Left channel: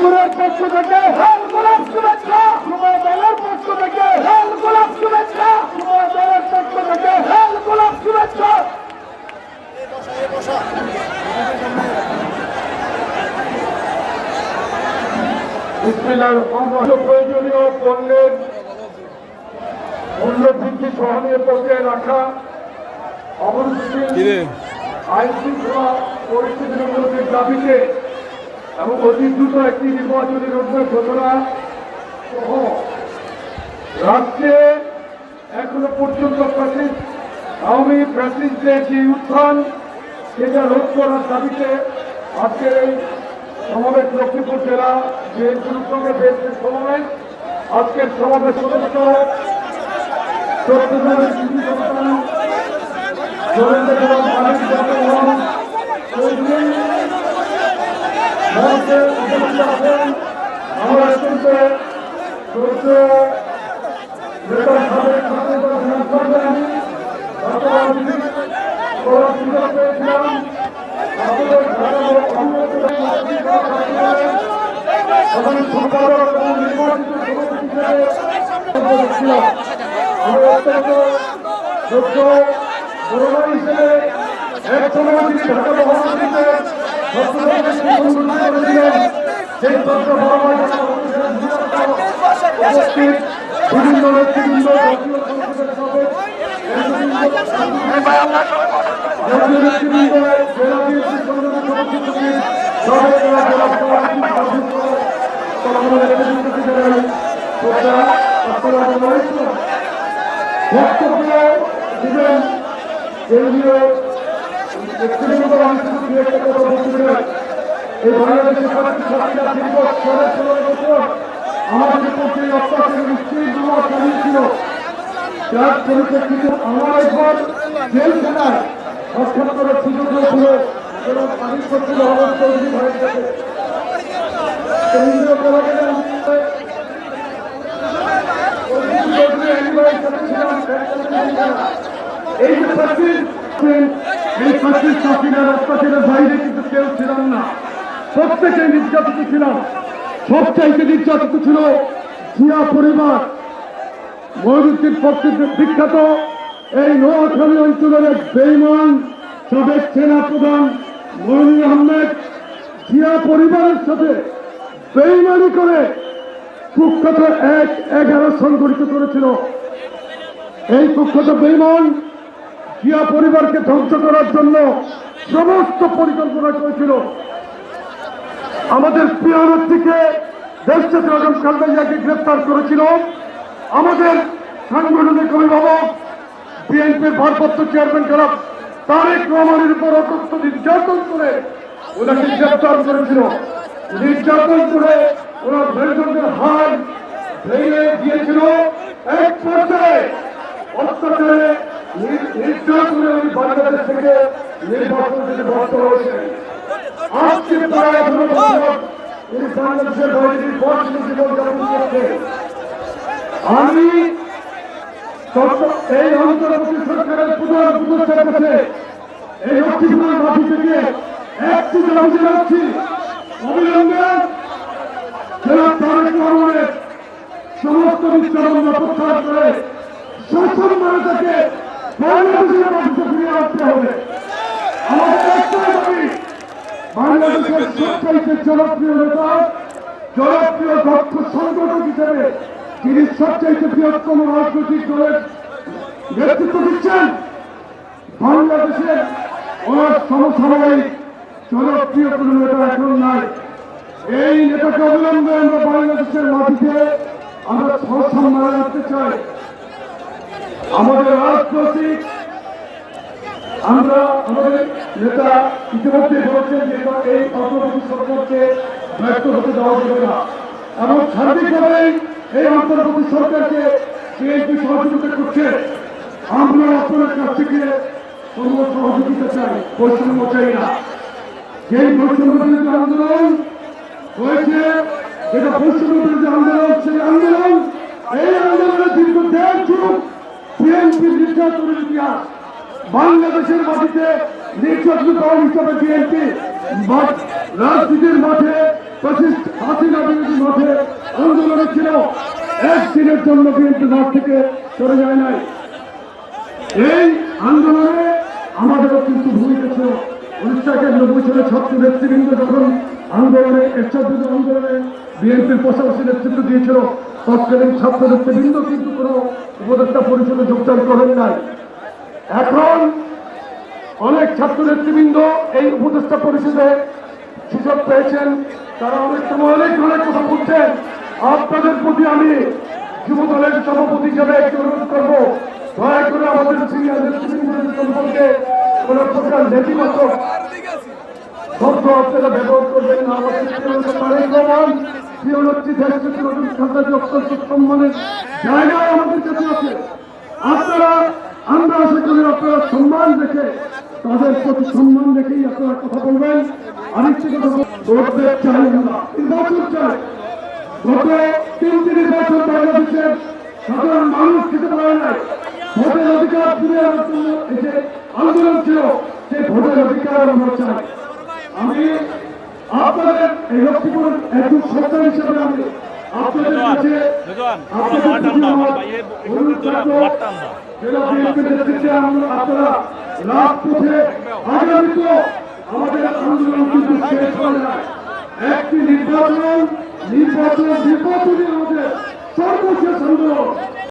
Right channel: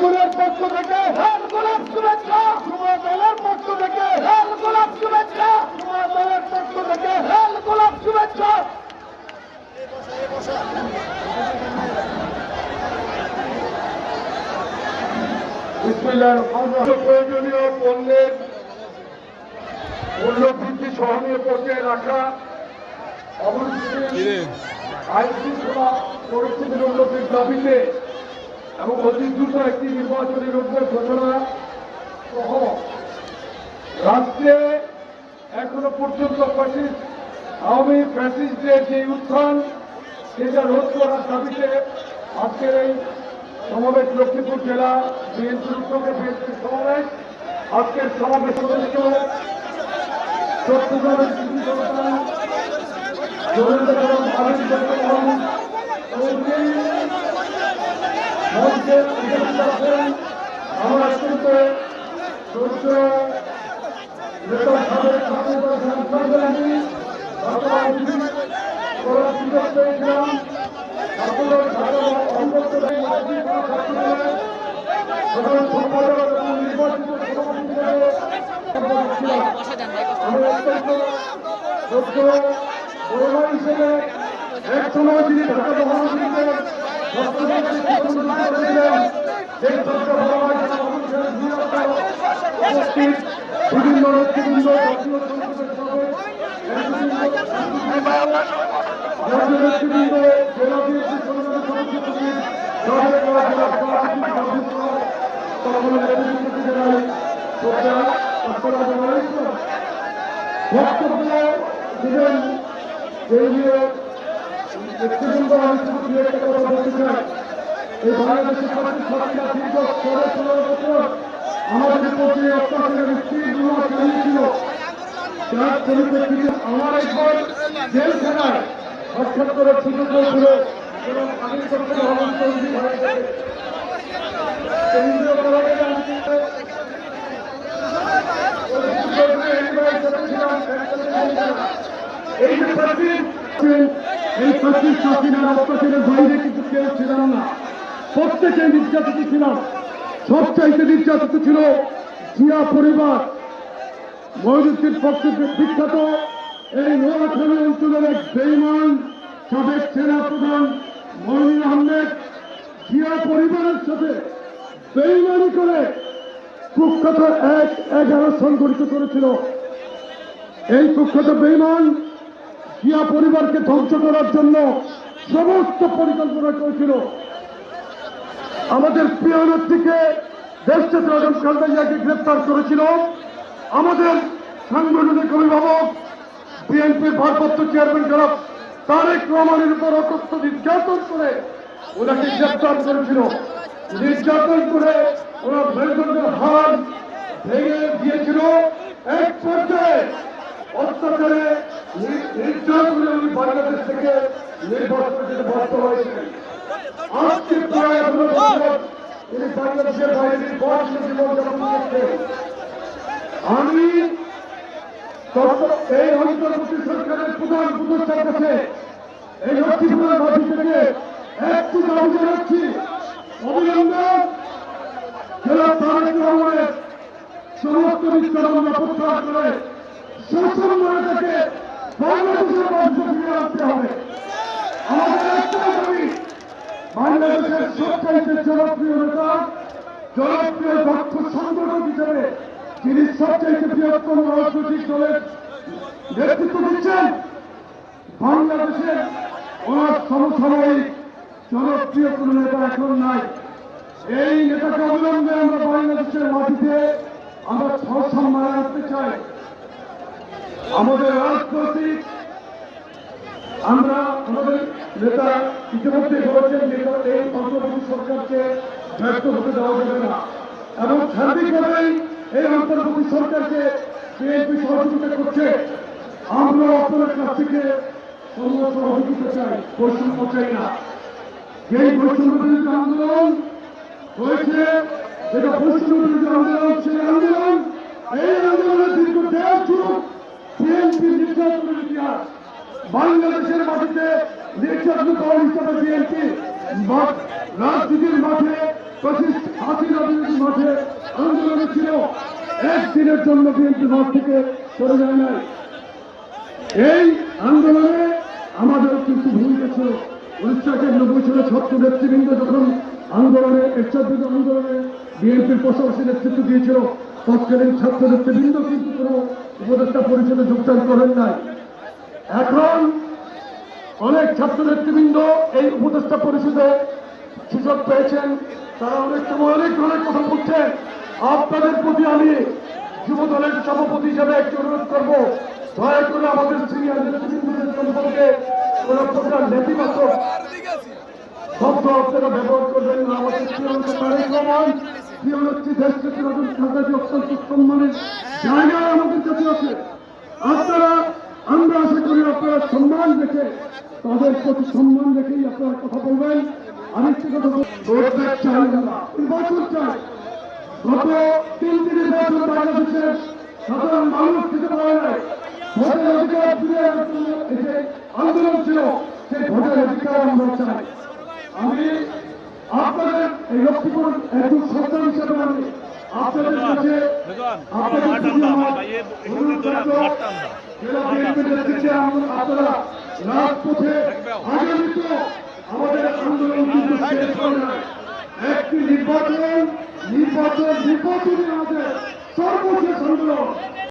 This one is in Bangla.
শিবিরের পক্ষ থেকে লাল গোলাপ শুভেচ্ছা যুব দলের পক্ষ থেকে লাল গোলাপ শুভেচ্ছা যুব দলের পক্ষ থেকে লাল গোলাপ শুভেচ্ছা। প্রয়োজনীয় পণ্যের মূল্যবৃদ্ধি সহনীয় পর্যায়ে রাখা অবস্থিত আইন শৃঙ্খলা পরিস্থিতির উন্নতির দাবিতে এবং অতি দ্রুত একটি নির্বাচনী রোডম্যাপ ঘোষণা সহ রাজ্যে এখনও পর্যন্ত ফ্যাসিস্ট আওয়ামী ফ্যাসিস্টদের যে উত্থান, সেটা রোধ করার দাবিতে আজকের এই সমাবেশ লক্ষ্মীপুর জেলা বিএনপির উত্তমে বিএনপির সমাবেশ। আজকের সমাবেশ সদস্য চট্টগ্রামের মঞ্চে উপস্থিত এক সময় তিনি ঢাকা মহানগরীতে করেছিলেন সেই তথ্য বড় উপস্থিত বিভিন্ন নেতৃবৃন্দ জাতীয় নেতৃবৃন্দ জেলা বিএনপি সংগঠন সভাপতি সভাপতি সভাপতি নেতৃবৃন্দকে জানাই শ্রদ্ধা আসসালামু আলাইকুম বক্তব্য দিবেন কথা বলতে চাই এই বাংলাদেশের ছাত্রী ছাত্রীরা দীর্ঘ সাড়ে ষোলো বছর আমাদের উপর যে অত্যাচারের স্ত্রীগুলো চালিয়েছিল যার পরিপ্রেক্ষিতে আমার একবার জেলখানায় সাক্ষাৎ করার সুযোগ হয়েছিল এই যে প্রাচীন এই অত্যাচারের বাইরে কিন্তু কেউ ছিলাম না। প্রত্যেকে নির্যাতিত ছিলাম সবচাইতে নির্যাতিত ছিল জিয়া পরিবার। ময়ূরীর পক্ষে বিখ্যাত এই নোয়াখালী অঞ্চলের এক বেইমান সাবেক সেনা প্রধান মইনুল আহমেদ, জিয়া পরিবারের সাথে বেইমানি করে কুখ্যাত এক এগারো সংগঠিত করেছিল। এই কুখ্যাত বেইমান জিয়া পরিবারকে ধ্বংস করার জন্য সমস্ত পরিকল্পনা করেছিল। আমাদের প্রিয় নেত্রীকে দেশটাতে আজম খালদাইয়াকে গ্রেপ্তার করেছিল। আমাদের সাংগঠনিক অভিভাবক, বিএনপির ভারপ্রাপ্ত চেয়ারম্যান জনাব তারেক রহমানের উপর অকথ্য নির্যাতন করে ওনাকে গ্রেপ্তার করেছিল। নির্যাতন করে ওরা মেরুদণ্ডের হার ভেঙে দিয়েছিল। এক পর্যায়ে অত্যাচারে নির্যাতনে উনি বাংলাদেশ থেকে নির্বাচন থেকে ব্যর্থ হয়েছেন আজকে প্রায় পনেরো বছর উনি বাংলাদেশের বাইরে নির্বাচন জীবনযাপন করছেন আমি এই অন্তর্বর্তী সরকারের প্রধান উপদেষ্টার কাছে এই লক্ষ্মীপুরের মাটি থেকে একটি দাবি জানাচ্ছি অবিলম্বে তারেক রহমানের সমস্ত মিথ্যানন্দা প্রত্যাহার করে শাসন মানে তাকে বাংলাদেশের মাটিতে ফিরিয়ে আনতে হবে আমাদের একটাই দাবি বাংলাদেশের জনপ্রিয় নেতা, জনপ্রিয় দক্ষ সংগঠক হিসেবে তিনি সবচাইতে বৃহত্তম রাজনৈতিক দলের নেতৃত্ব দিচ্ছেন। বাংলাদেশের ওনার সমসাময়িক জনপ্রিয় কোন নেতা এখন নাই। এই নেতাকে অবিলম্বে আমরা বাংলাদেশের মাটিতে আমরা সসম্মান রাখতে চাই। আমাদের রাজনৈতিক আমরা আমাদের নেতা ইতিমধ্যে বলেছেন যে এই অন্তর্বর্তী সরকারকে ব্যর্থ হতে দেওয়া যাবে না। এবং সার্বিকভাবেই এই অন্তর্বর্তী সরকারকে বিএনপি সহযোগিতা করছে। আমরা আপনাদের কাছ থেকে কোনো সহযোগিতা চাই, বৈষম্য চাই না। যে বৈষম্য আন্দোলন হয়েছে যেটা বৈষম্য বিরোধী আন্দোলন সেই আন্দোলন এই আন্দোলনের দীর্ঘ দেড় যুগ বিএনপি নির্যাতনের ইতিহাস বাংলাদেশের মাটিতে নির্যাতিত দল হিসাবে বিএনপি রাজনীতির মাঠে প্রতিষ্ঠ হাসিনা করেছিল একদিনের জন্য বিএনপি মাঠ থেকে সরে যায় নাই। এই আন্দোলনে আমাদেরও কিন্তু ভূমিকা ছিল। উনিশশো একানব্বই সালে ছাত্র নেতৃবৃন্দ যখন আন্দোলনে এরশাদ আন্দোলনে বিএনপির পাশাপাশি নেতৃত্ব দিয়েছিল, তৎকালীন ছাত্র নেতৃবৃন্দ কিন্তু কোনো উপদেষ্টা পরিষদে যোগদান করেন নাই। এখন অনেক ছাত্র নেতৃবৃন্দ এই উপদেষ্টা পরিষদে সুযোগ পেয়েছেন। তারা অনেক সময় অনেক অনেক কথা বলছেন। আপনাদের প্রতি আমি যুব দলের সভাপতি হিসাবে একটু অনুরোধ করব, দয়া করে আমাদের সিনিয়র নেতৃবৃন্দের সম্পর্কে কোন প্রকার নেতিবাচক শব্দ আপনারা ব্যবহার করবেন না। আমাদের প্রিয় নেতা তারেক রহমান নতুন খাতাজি অত্যন্ত সম্মানের জায়গায় আমাদের কাছে আছে, আপনারা, আমরা আশা করি আপনারা সম্মান রেখে তাদের প্রতি সম্মান রেখেই আপনারা কথা বলবেন। আমি একটি কথা চাই নির্বাচন চাই। গত তিন তিন বছর বাংলাদেশের সাধারণ মানুষ দিতে পারে নাই। ভোটের অধিকার ফিরে যে আন্দোলন ছিল সেই ভোটের অধিকার আমরা চাই। আমি আপনাদের এই লক্ষ্মীপুরের একজন সন্তান হিসেবে আমি আপনাদের কাছে আপনাদের আনবা, আমার অনুরোধ থাকল, জেলা নেতৃত্বে আপনারা রাজপথে আগামী আমাদের আন্দোলন কিন্তু শেষ হয় না একটি নির্বাচন নির্বাচন, নির্বাচনই আমাদের সর্বশেষ আন্দোলন।